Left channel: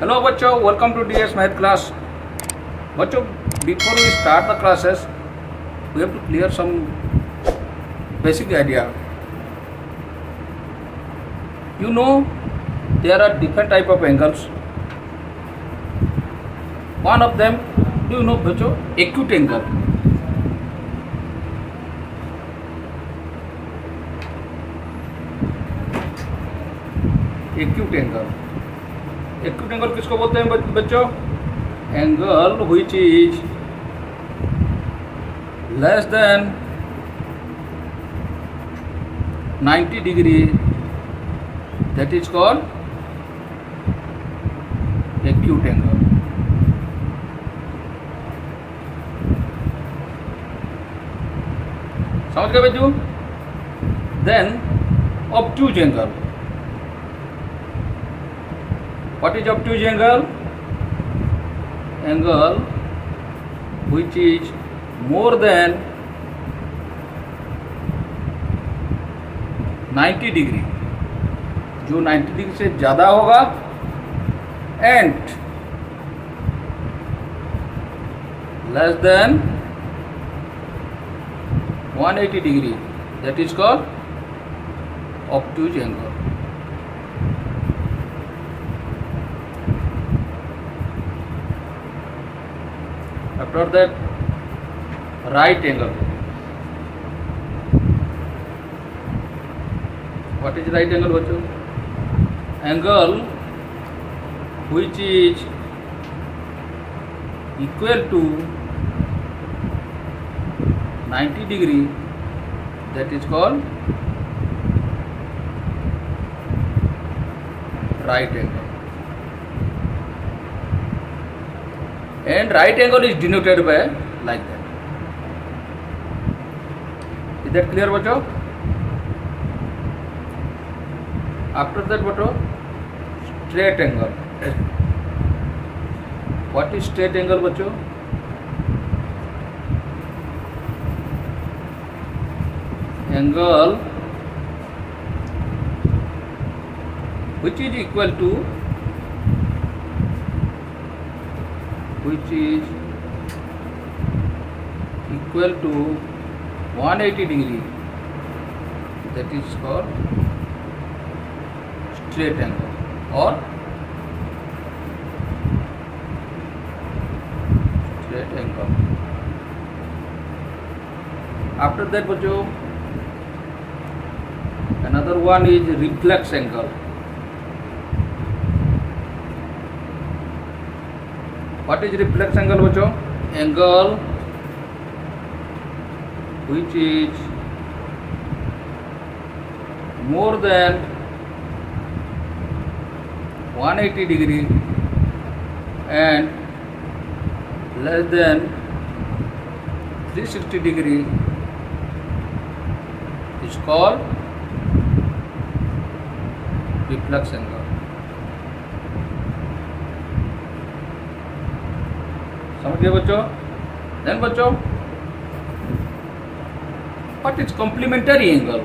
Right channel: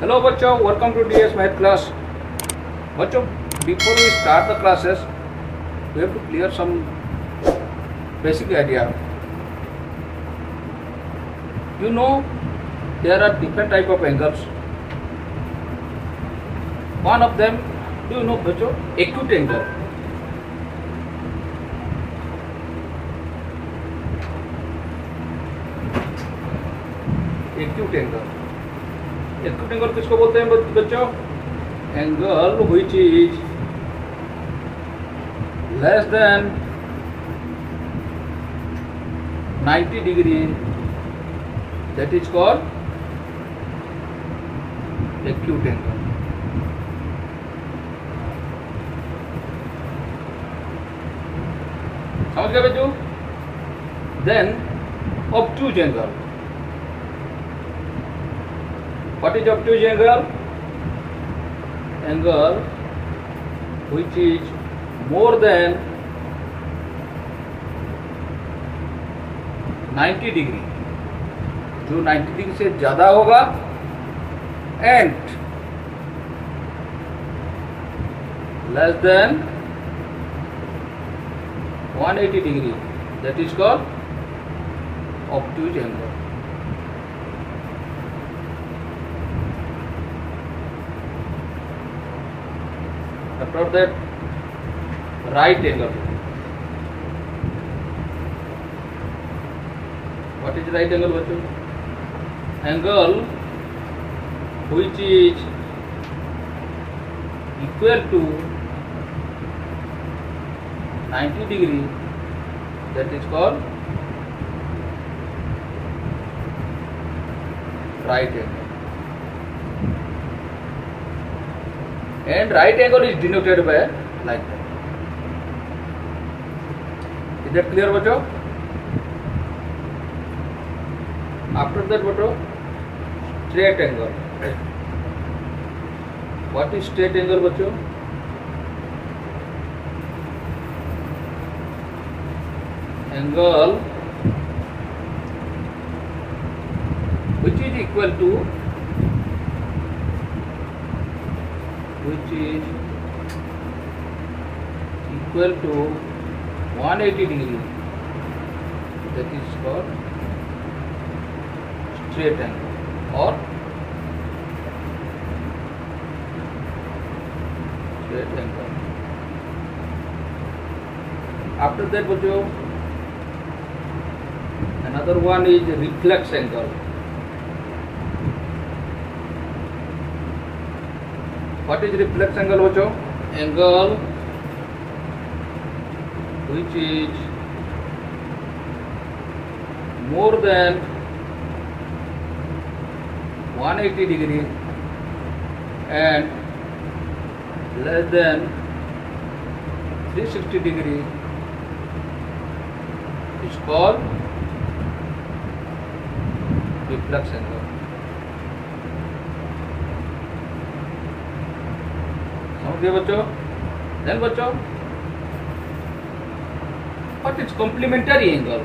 Hello बच्चों, welcome to DS math class. बच्चों, before we start the classes we have to clear some basic idea. You know there are different type of angles. One of them, do you know बच्चों, acute angle. Acute angle. Acute angle किसको बोलते हैं बच्चों? Angle which is less than 90 degree, that is called acute angle. समझ गए बच्चों? Then obtuse angle. What is obtuse angle? Angle which is more than 90 degree, जो 90 degree से ज़्यादा होगा, and less than 180 degree, that is called obtuse angle. After that, right angle. What is right angle बच्चों? Angle which is equal to 90 degree, that is called right angle. And right angle is denoted by like that. Is that clear बच्चों? After that बच्चों, straight angle. What is straight angle बच्चों? Angle which is equal to which is equal to 180 degree, that is called straight angle or straight angle. After that बच्चों, another one is reflex angle. What is reflex angle बच्चों? Angle which is more than 180 degree and less than 360 degree is called reflex angle. समझ गए बच्चों? Then बच्चों, what is complementary angle?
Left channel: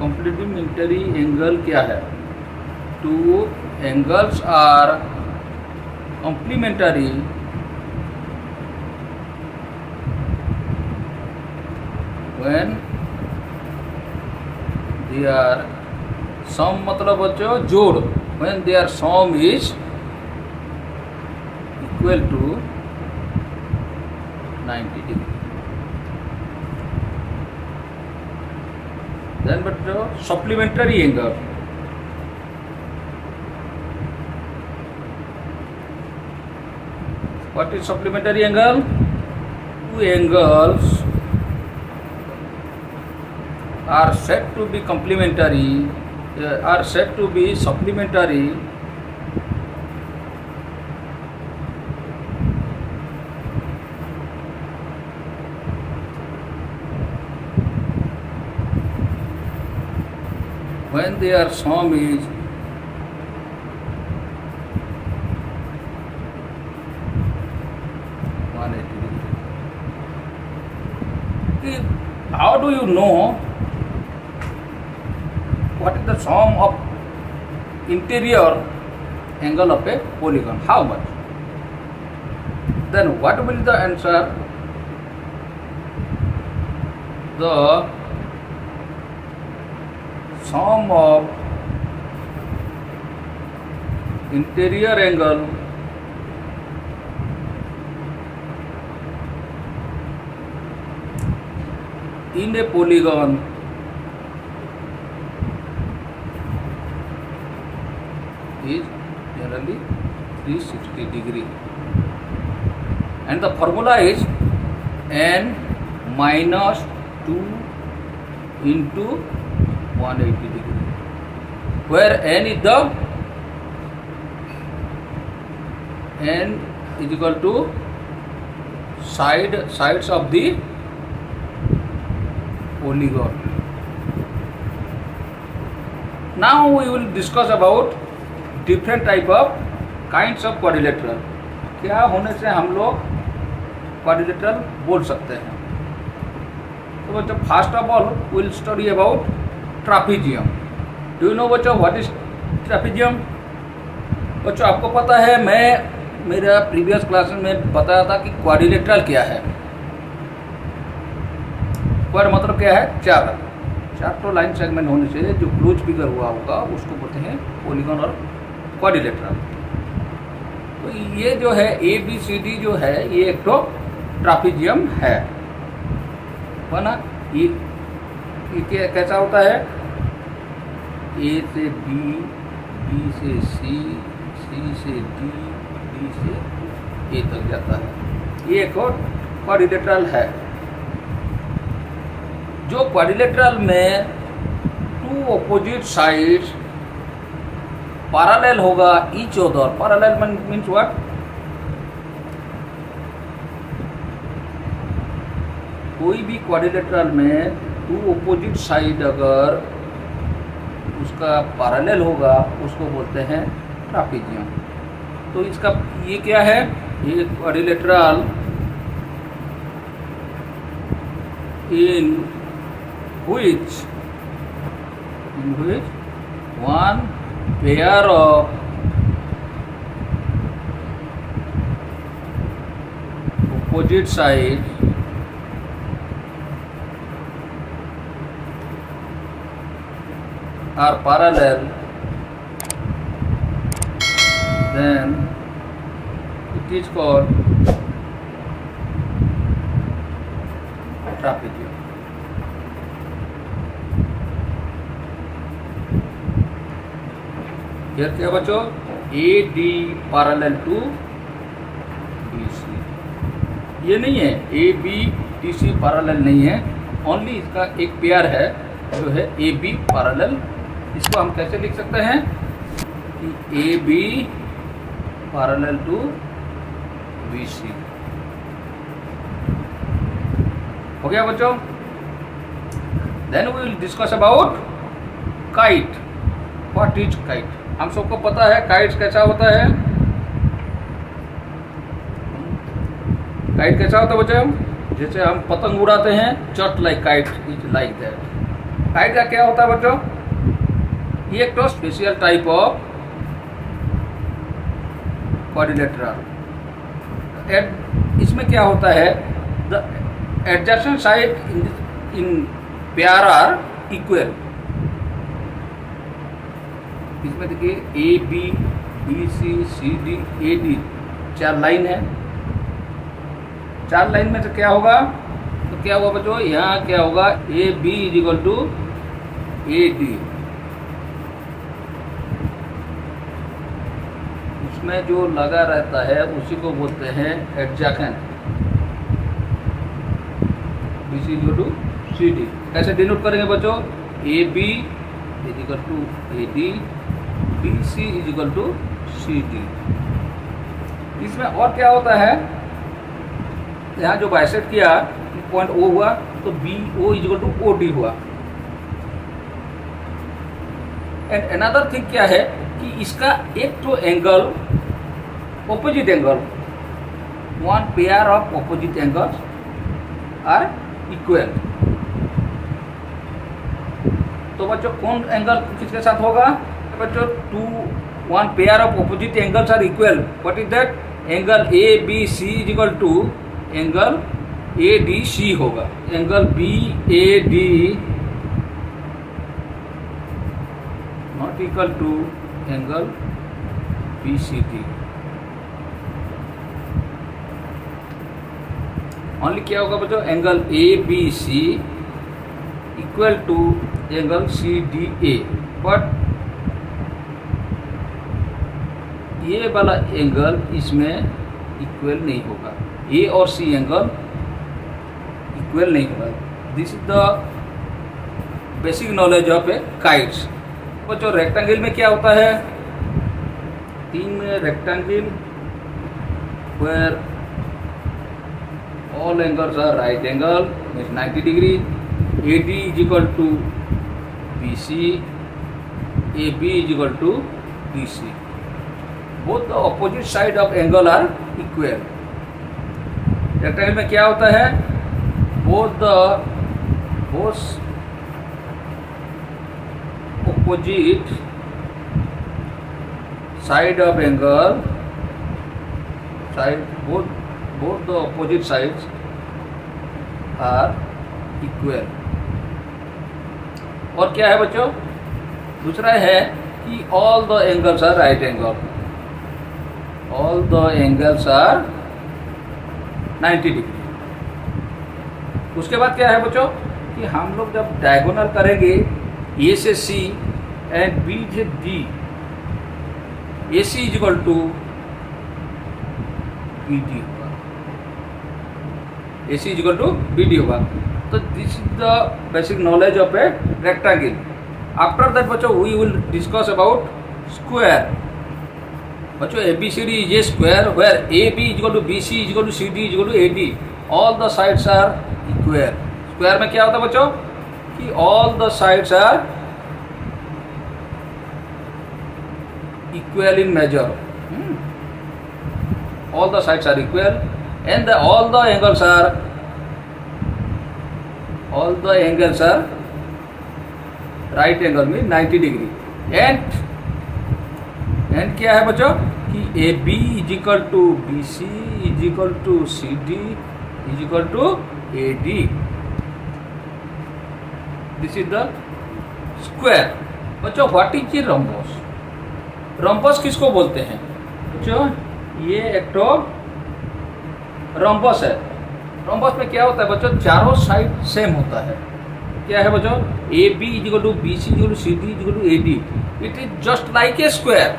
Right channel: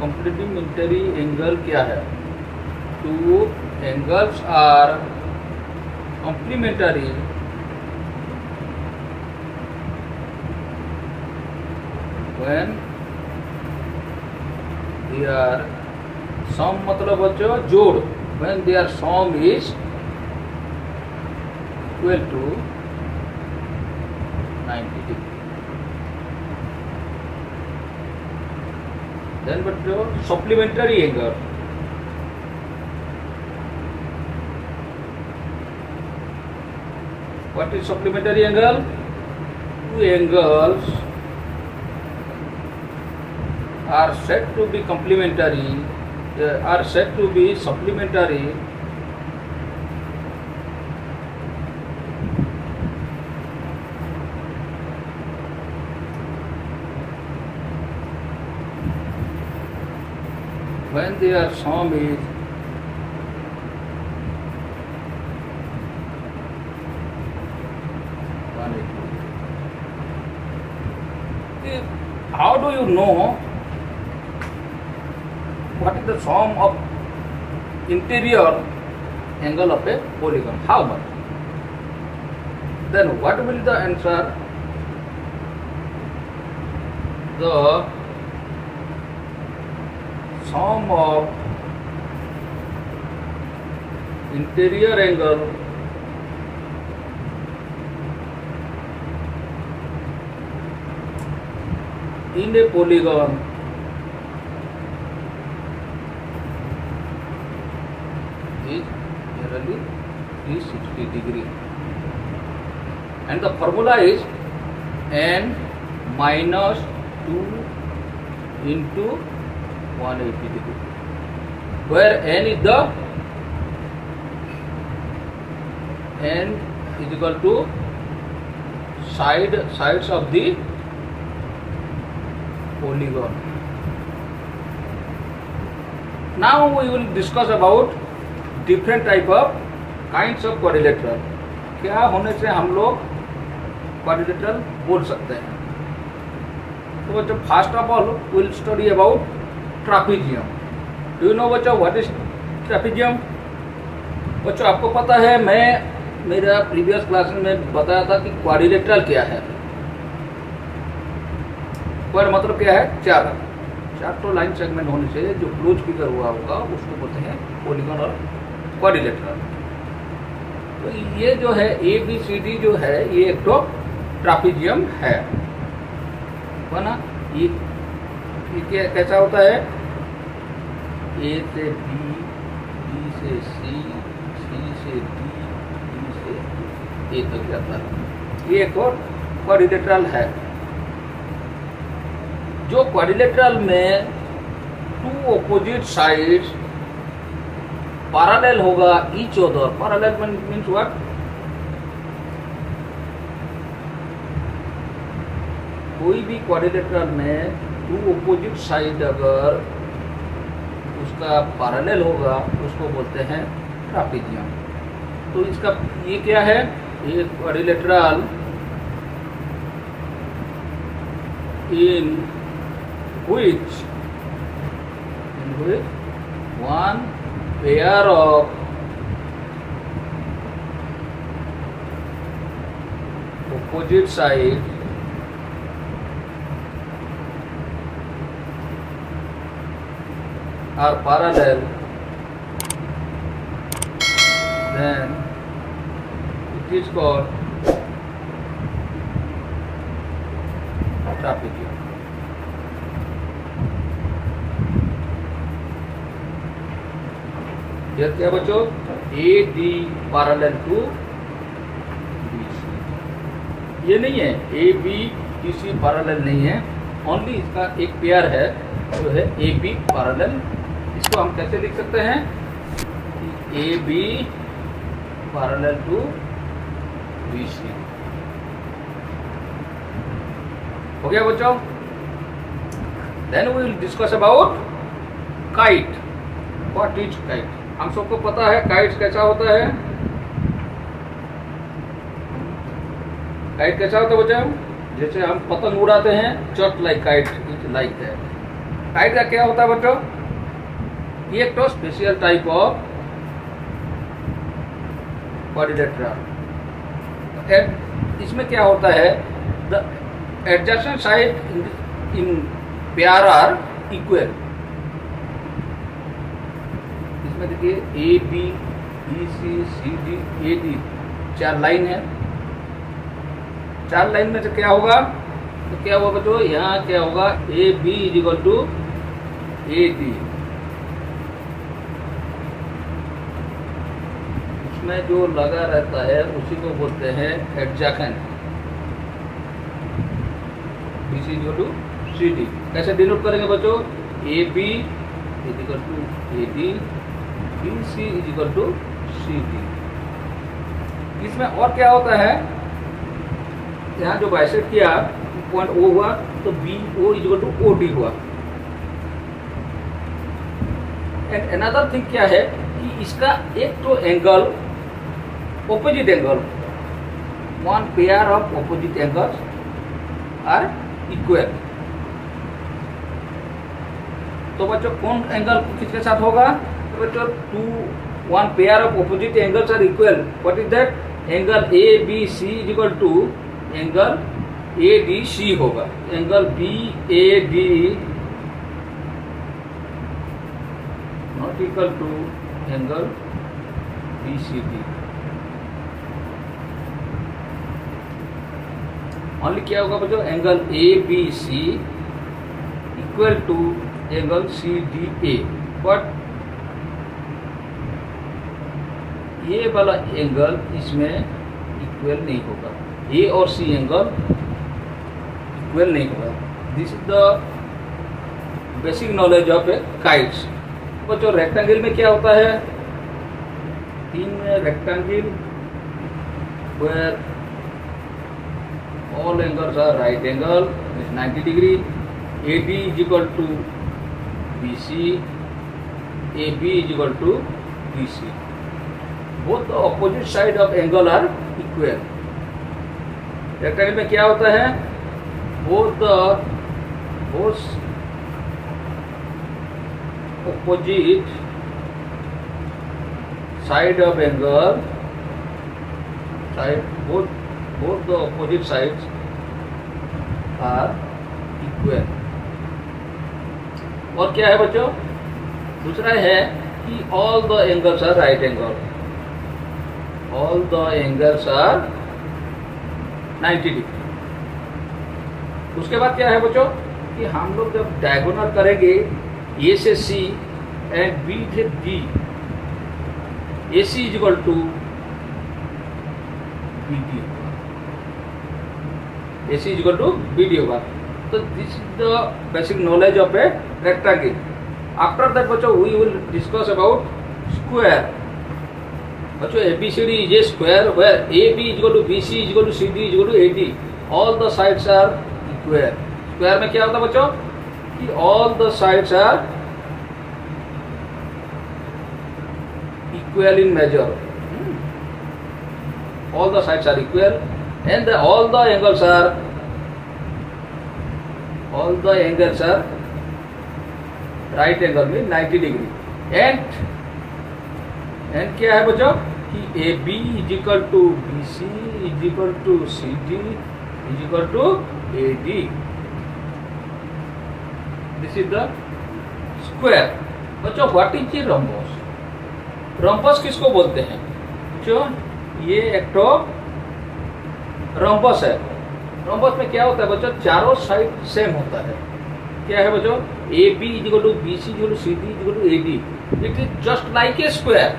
Complementary angle क्या है? Two angles are complementary when they are सम मतलब बच्चों जोड़, when their sum is equal to 90 degree. Then बच्चों supplementary angle. What is supplementary angle? Two angles are said to be complementary, are said to be supplementary when their sum is how do you to know what is the sum of interior angle of a polygon. How much? Then what will be the answer? The sum of interior angle in a polygon is generally 360 degree, and the formula is n minus 2 into 180 degree, where n is equal to sides of the polygon. Now we will discuss about different type of kinds of quadrilateral. क्या होने से हम लोग quadrilateral बोल सकते हैं? तो बच्चों, first of all will study about trapezium. Do you know बच्चों व्हाट इज ट्रापीजियम? बच्चों, आपको पता है, मैं मेरा प्रीवियस क्लास में बताया था कि क्वाड्रिलेटरल क्या है. क्वाड मतलब क्या है? चार तो लाइन सेगमेंट होने से जो क्लोज फिगर हुआ होगा उसको बोलते हैं पॉलीगन और क्वाड्रिलेटरल. तो ये जो है ABCD जो है ये एक तो ट्रापीजियम है ना. ये कैसा होता है? A से B, B से C, C से D, D से A तक जाता है. ये एक क्वाड्रिलेटरल है. जो क्वाड्रिलेटरल में टू ऑपोजिट साइड्स पैरेलल होगा each other. Parallel means what? कोई भी क्वाड्रिलेटरल में टू ऑपोजिट साइड अगर उसका पैरेलल होगा उसको बोलते हैं ट्रापीजियम. तो इसका ये क्या है? ये quadrilateral in which one pair of opposite sides are parallel, then it is called trapezium. Here क्या बच्चों? AD parallel to BC. ये नहीं है, AB DC पैरेलल नहीं है, ओनली इसका एक पेयर है जो है AB पैरेलल. इसको हम कैसे लिख सकते हैं कि AB पैरेलल टू BC. हो गया बच्चों? Then we will discuss about kite. What is kite? हम सबको पता है काइट कैसा होता है. काइट कैसा होता है बच्चों? जैसे हम पतंग उड़ाते हैं, just like kite is like that. Kite का क्या होता है बच्चों? ये एक तो स्पेशल टाइप ऑफ क्वाड्रिलेटरल. इसमें क्या होता है? The adjacent side in pair are equal. इसमें देखिए A B E C C D A D चार लाइन है. चार लाइन में से क्या होगा? तो क्या होगा बच्चों? यहाँ क्या होगा? A B is equal to A D. इसमें जो लगा रहता है उसी को बोलते हैं adjacent. B C equal to C D. कैसे डिनोट करेंगे बच्चों? A B is equal to A D, B C is equal to C D. इसमें और क्या होता है? यहाँ जो बाइसेक्ट किया पॉइंट ओ हुआ तो B O is equal to O D हुआ. एंड अनदर थिंग क्या है कि इसका एक तो angle opposite angle, one pair of opposite angles are equal. तो बच्चों कौन एंगल किसके साथ होगा? तो बच्चों one pair of opposite angles are equal, what is that? Angle A B C is equal to angle A D C होगा। Angle B A D not equal to angle B C D. Only क्या होगा बच्चों? Angle A B C equal to angle C D A. But ये वाला angle इसमें equal नहीं होगा, ए और सी एंगल इक्वल नहीं होगा। This is the basic knowledge of a kites. बच्चों रेक्टेंगल में क्या होता है? तीन rectangle where all angles are right angle is 90 degree, AD is equal to BC, AB is equal to BC. Both the opposite side of angle are equal. Rectangle में क्या होता है? both opposite side of angle, both the opposite sides are equal. और क्या है बच्चों? दूसरा है कि all the angles are right angle. All the angles are 90 degree. उसके बाद क्या है बच्चों कि हम लोग जब डायगोनल करेंगे ए से सी एंड बी से D, A C is equal to B D, AC is equal to BD होगा। तो this is the basic knowledge of a rectangle. After that बच्चों we will discuss about square. बच्चों ABCD is a square where AB is equal to BC is equal to CD is equal to AD, all the sides are equal. Square में क्या होता है बच्चों कि all the sides are equal in measure, all the sides are equal and all the angles are right angle mean 90 degree। and क्या है बच्चों कि AB is equal to BC is equal to CD is equal to AD। this is the square। बच्चों what is the rhombus? rhombus किसको बोलते हैं बच्चों? ये एक तो रोम्बस है। रोम्बस में क्या होता है बच्चों? चारों साइड सेम होता है। क्या है बच्चों? A B is equal to B C is equal to C D is equal to A D. It is just like a square.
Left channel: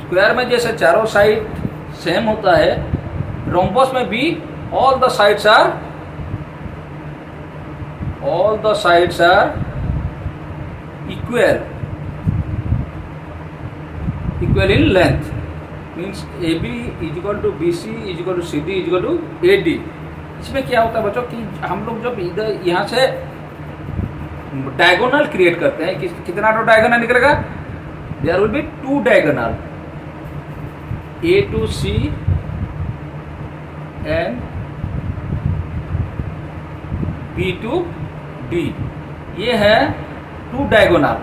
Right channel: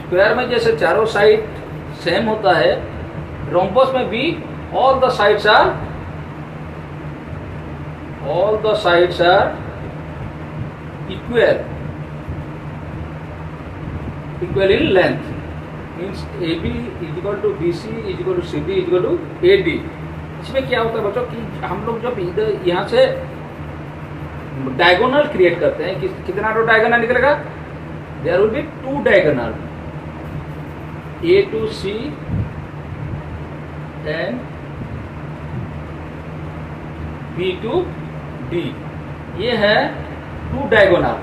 Square में जैसे चारों साइड सेम होता है, रोम्बस में भी all the sides are equal in length. Means AB is equal to BC is equal to CD is equal to AD। इसमें क्या होता है बच्चों कि हम लोग जब इधर यहाँ से डायगोनल क्रिएट करते हैं, कितना तो डायगोनल निकलेगा? There will be 2 diagonal, A to C and B to D। ये है 2 डायगोनल।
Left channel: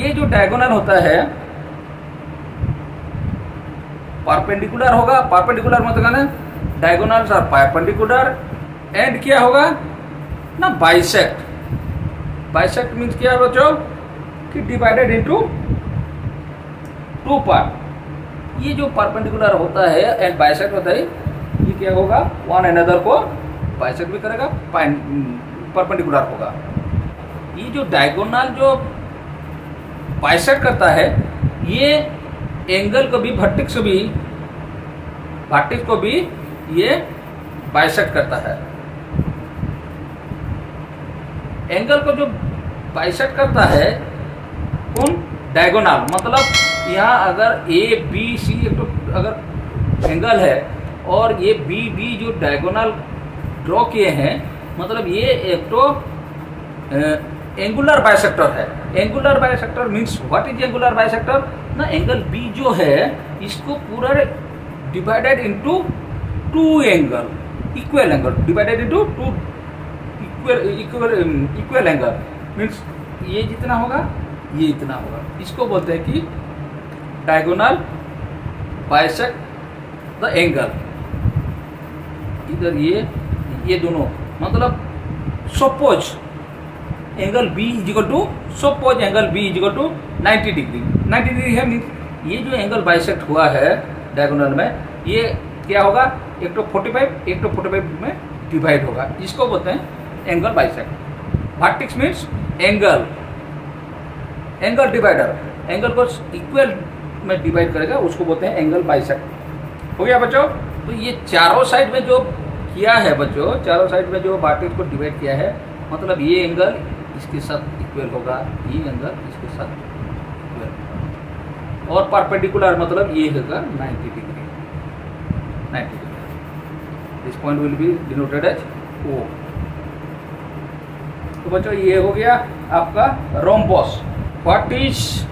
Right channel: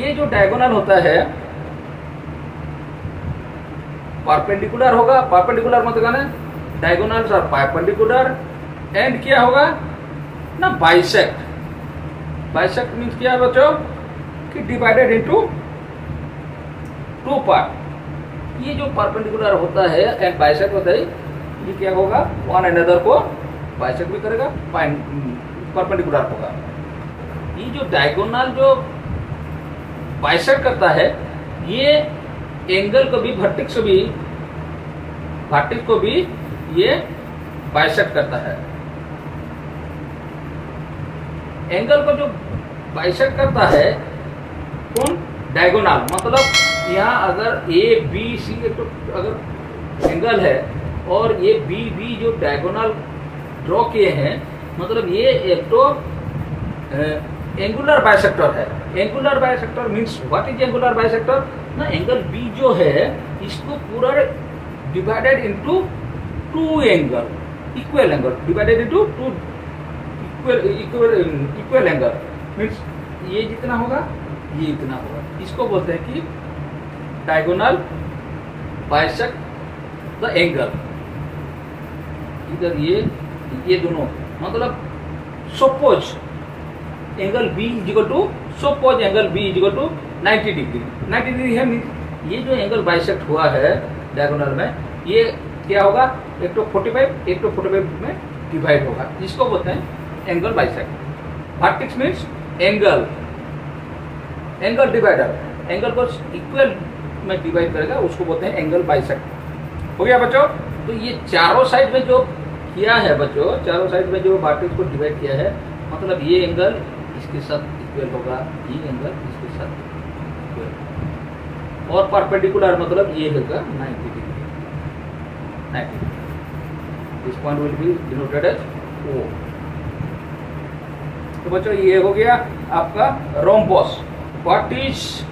ये जो डायगोनल होता है परपेंडिकुलर होगा। परपेंडिकुलर मतलब डायगोनल्स आर परपेंडिकुलर एंड क्या होगा ना? बाइसेक्ट। बाइसेक्ट मीन्स क्या है बच्चों कि डिवाइडेड इनटू 2 पार्ट। ये जो परपेंडिकुलर होता है एंड बाइसेक्ट होता है, ये क्या होगा? वन अनदर को बाइसेक्ट भी करेगा, परपेंडिकुलर होगा। ये जो डायगोनल जो बाइसेक्ट करता है, ये एंगल को भी वर्टेक्स को भी ये बाइसेक्ट करता है। एंगल को जो बाइसेक्ट करता है कौन? डायगोनल। मतलब यहाँ अगर ए बी सी अगर एंगल है और ये बी डी जो डायगोनल ड्रॉ किए हैं, मतलब ये एक तो एंगुलर बाइसेक्टर है। Angular bisector means what is angular bisector ना? एंगल बी जो है इसको पूरा divided into 2 angle, equal angle divided into 2 equal angle means ये जितना होगा ये इतना होगा, इसको बोलते हैं कि डायगोनल बाइसेक्ट द एंगल। इधर ये दोनों मतलब suppose angle B is equal to, suppose angle B is equal to 90 degree. 90 degree है मीन्स ये जो एंगल बाइसेक्ट हुआ है डायगोनल में, ये क्या होगा, एक तो 45 एक तो 45 में डिवाइड होगा, इसको बोलते हैं angle bisect. Vertex means angle divider, angle को इक्वल में डिवाइड करेगा, उसको बोलते हैं एंगल बाइसेक्ट। हो गया बच्चों। तो ये चारों साइड में जो किया है बच्चों, चारों साइड में जो वर्टेक्स को डिवाइड किया है, मतलब ये एंगल इसके साथ इक्वल होगा, ये एंगल इसके साथ इक्वल, और परपेंडिकुलर मतलब ये होगा 90 degree. 90 degree, this point will be denoted as O। तो बच्चों ये हो गया आपका rhombus. What is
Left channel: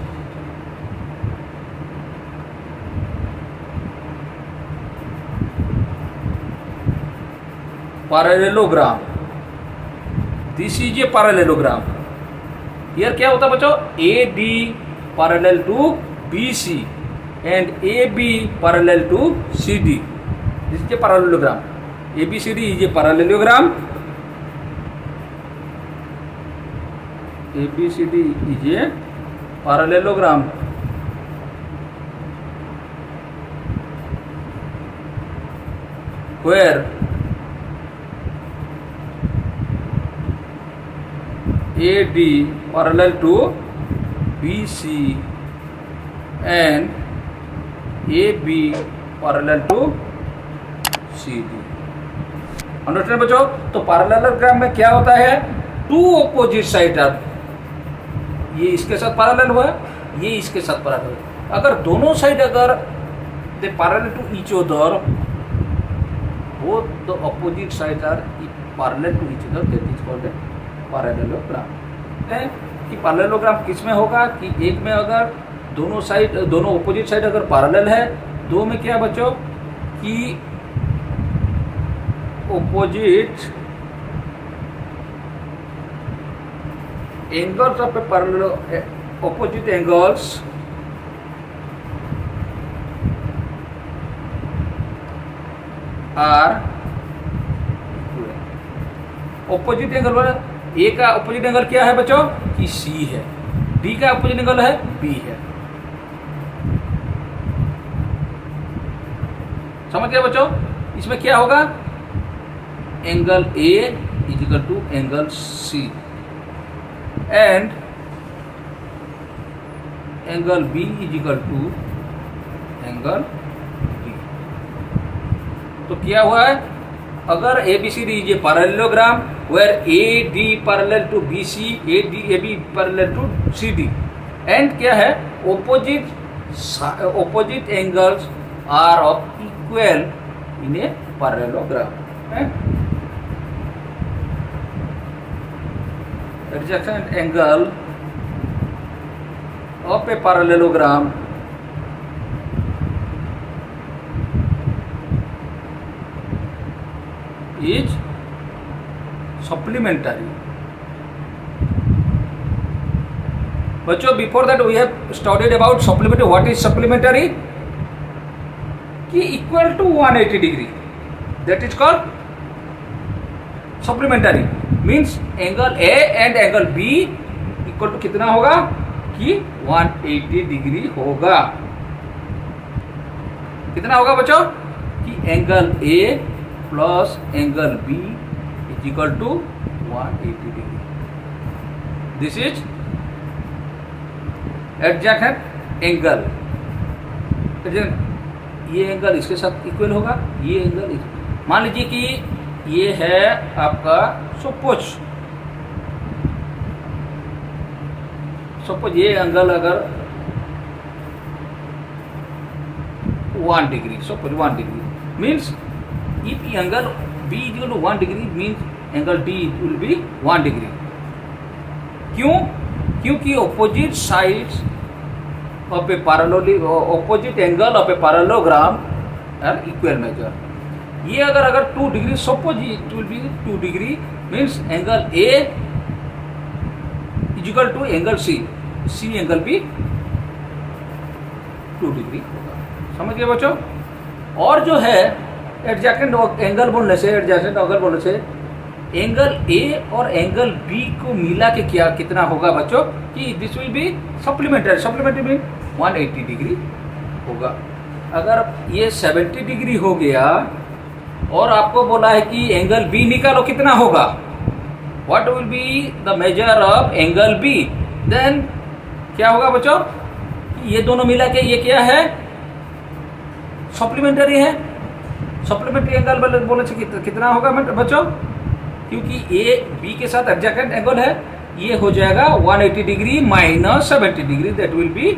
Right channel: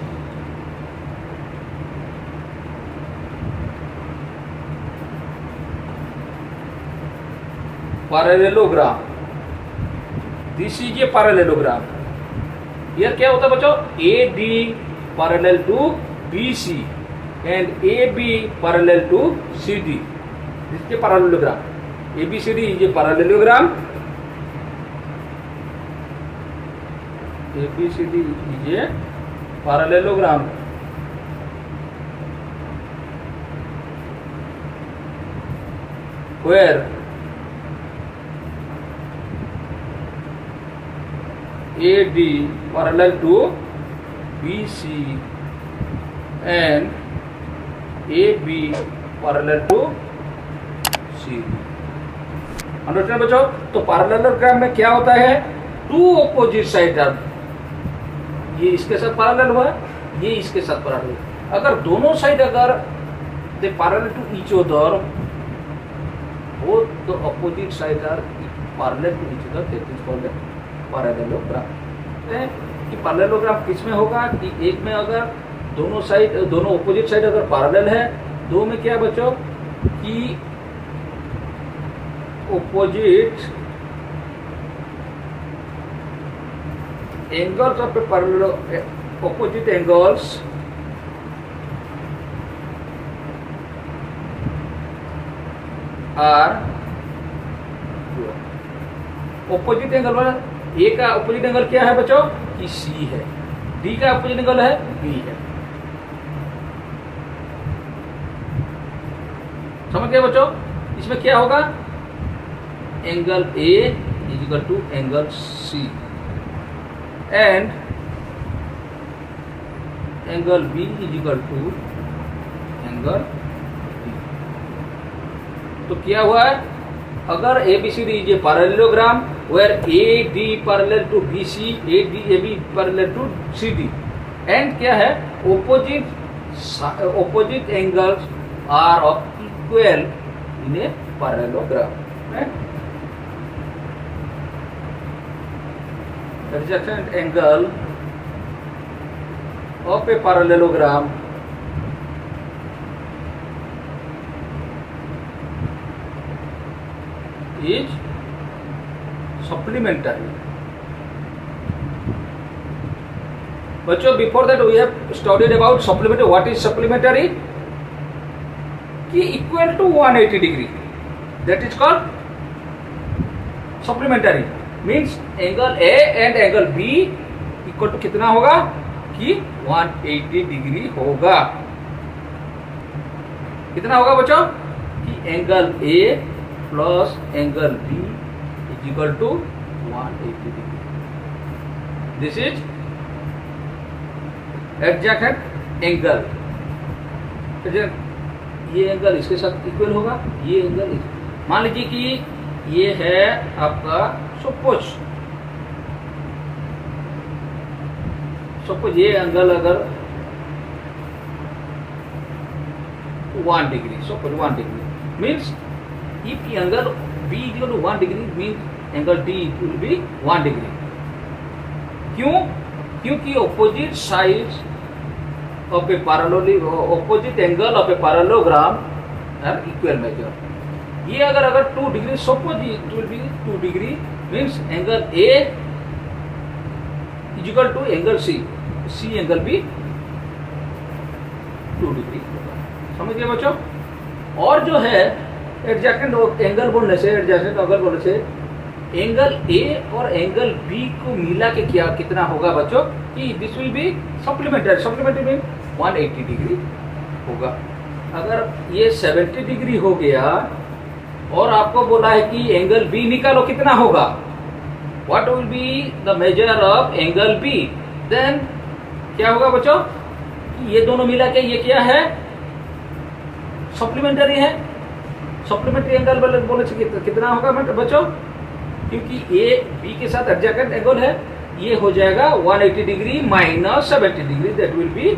parallelogram? This is a parallelogram. Here क्या होता है बच्चों, AD parallel to BC and AB parallel to CD। This is a parallelogram. ABCD is a parallelogram. ABCD is a parallelogram. Where AD parallel to BC and AB parallel to CD। Understand बच्चों? तो parallelogram में क्या होता है, to opposite side are, ये इसके साथ parallel हुआ, ये इसके साथ पैरेलल। अगर दोनों साइड अगर they parallel to each other, both the opposite side are parallel to each other, that is called parallelogram. कि पैरेललोग्राम किस में होगा कि एक में अगर दोनों ऑपोजिट साइड अगर पैरेलल है, दो में क्या बच्चों कि opposite angles of a parallel, opposite angles are opposite angle वाला। A का opposite angle क्या है बच्चों कि C है, D का opposite angle है B है। समझ गए बच्चों? इसमें क्या होगा, angle A is equal to angle C and angle B is equal to angle D। तो क्या हुआ है, अगर ABCD is a parallelogram where AD parallel to BC, AB parallel to CD and क्या है, opposite angles are of equal in a parallelogram। Adjacent angle of a parallelogram is supplementary। बच्चों before that we have studied about supplementary. What is supplementary? कि equal to 180 degree, that is called supplementary. Means angle A and angle B equal to कितना होगा कि 180 degree होगा। कितना होगा बच्चों कि angle A plus angle B is equal to 180 degree. This is adjacent angle. ये एंगल इसके साथ इक्वल होगा, ये एंगल मान लीजिए कि ये है आपका सपोज ये एंगल अगर 1 degree, suppose 1 degree means if angle B is equal to 1 degree means angle D will be 1 degree. क्यों? क्योंकि opposite sides of a opposite angle of a parallelogram are equal measure. ये अगर 2 डिग्री, suppose it will be 2 degree means angle A is equal to angle C, C angle भी 2 degree होगा। समझ गए बच्चों। और जो है एडजेसेंट एंगल बोलने से, एडजेसेंट एंगल बोलने से एंगल ए और एंगल बी को मिला के क्या कितना होगा बच्चों कि this will be supplementary, supplementary में 180 डिग्री होगा। अगर ये 70 डिग्री हो गया और आपको बोला है कि एंगल बी निकालो कितना होगा, what will be the measure of angle B, then क्या होगा बच्चों, ये दोनों मिला के ये क्या है, सप्लीमेंट्री है। सप्लीमेंट्री एंगल बोले से कितना होगा बच्चों, क्योंकि ए बी के साथ एडजेसेंट एंगल है, ये हो जाएगा 180 degree minus 70 degree, that will be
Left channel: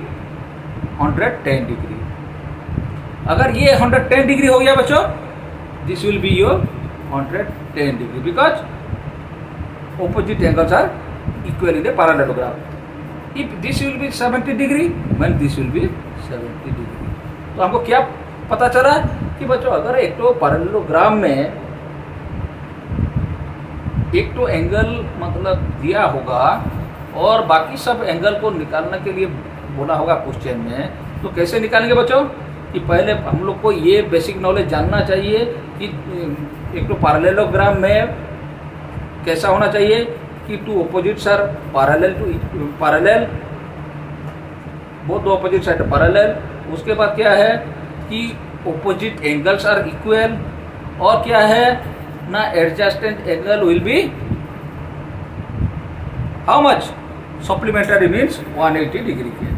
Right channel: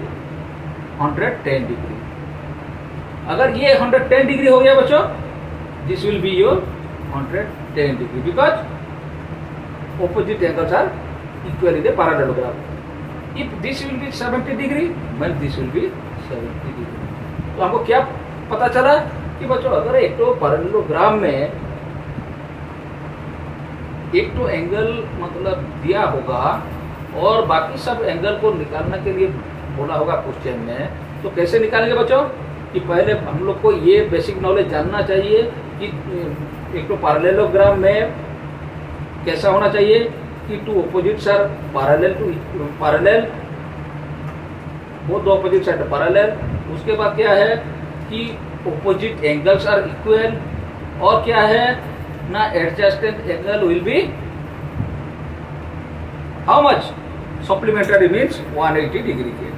110 degree. अगर ये 110 डिग्री हो गया बच्चों, this will be your 110 degree because opposite angles are equally they parallel. If this will be 70 degree when this will be 70 degree. तो हमको क्या पता चला कि बच्चों अगर एक तो पैरेललोग्राम में एक तो एंगल मतलब दिया होगा और बाकी सब एंगल को निकालने के लिए बोला होगा क्वेश्चन में, तो कैसे निकालेंगे बच्चों कि पहले हम लोग को ये बेसिक नॉलेज जानना चाहिए कि एक तो पैरेललोग्राम में कैसा होना चाहिए कि two opposites are parallel, both opposite side parallel. उसके बाद क्या है कि ऑपोजिट एंगल्स आर इक्वल, और क्या है ना adjacent angle will be how much, supplementary means 180 degree की।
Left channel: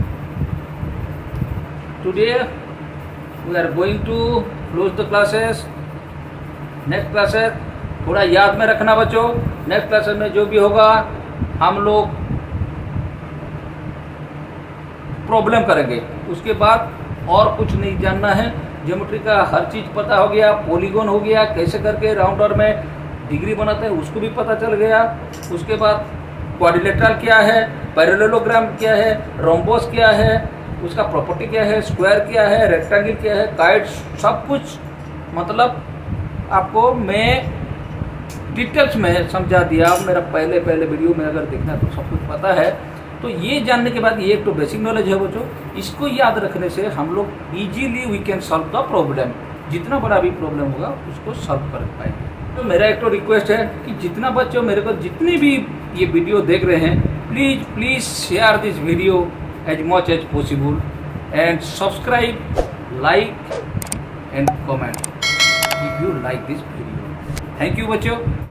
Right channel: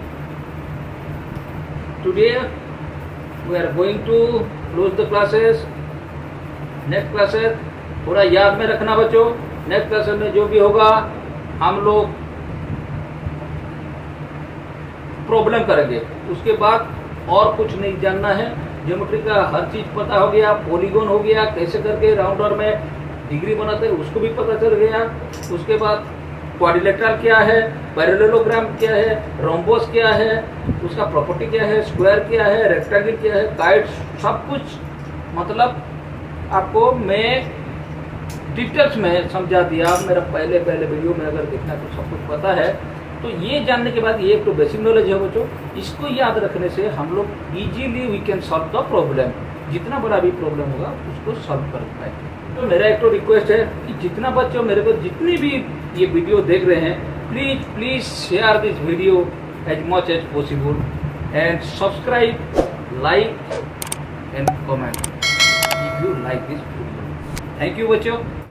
Today we are going to close the classes. Next classes थोड़ा याद में रखना बच्चों, नेक्स्ट क्लासेस में जो भी होगा हम लोग प्रॉब्लम करेंगे। उसके बाद और कुछ नहीं जानना है, ज्योमेट्री का हर चीज पता हो गया, पॉलीगॉन हो गया, कैसे करके राउंडर में डिग्री बनाते हैं उसको भी पता चल गया। उसके बाद क्वाड्रिलेटरल क्या है, पैरेललोग्राम क्या है, रोम्बस क्या है, उसका प्रॉपर्टी क्या है, स्क्वायर क्या है, रेक्टेंगल क्या है, काइट, सब कुछ मतलब आपको मैं डिटेल्स में समझा दिया। मेरा पहले वीडियो में अगर देखना तो सब कुछ पता है। तो ये जानने के बाद ये एक तो बेसिक नॉलेज है बच्चों, इसको याद रखने से हम लोग easily we can solve the problem. जितना बड़ा भी प्रॉब्लम होगा उसको सॉल्व कर पाएंगे। तो मेरा एक तो रिक्वेस्ट है कि जितना बच्चों मेरे को जितनी भी ये वीडियो देख रहे हैं, please share this video as much as possible and subscribe, like and comment if you like this video. Thank you बच्चों।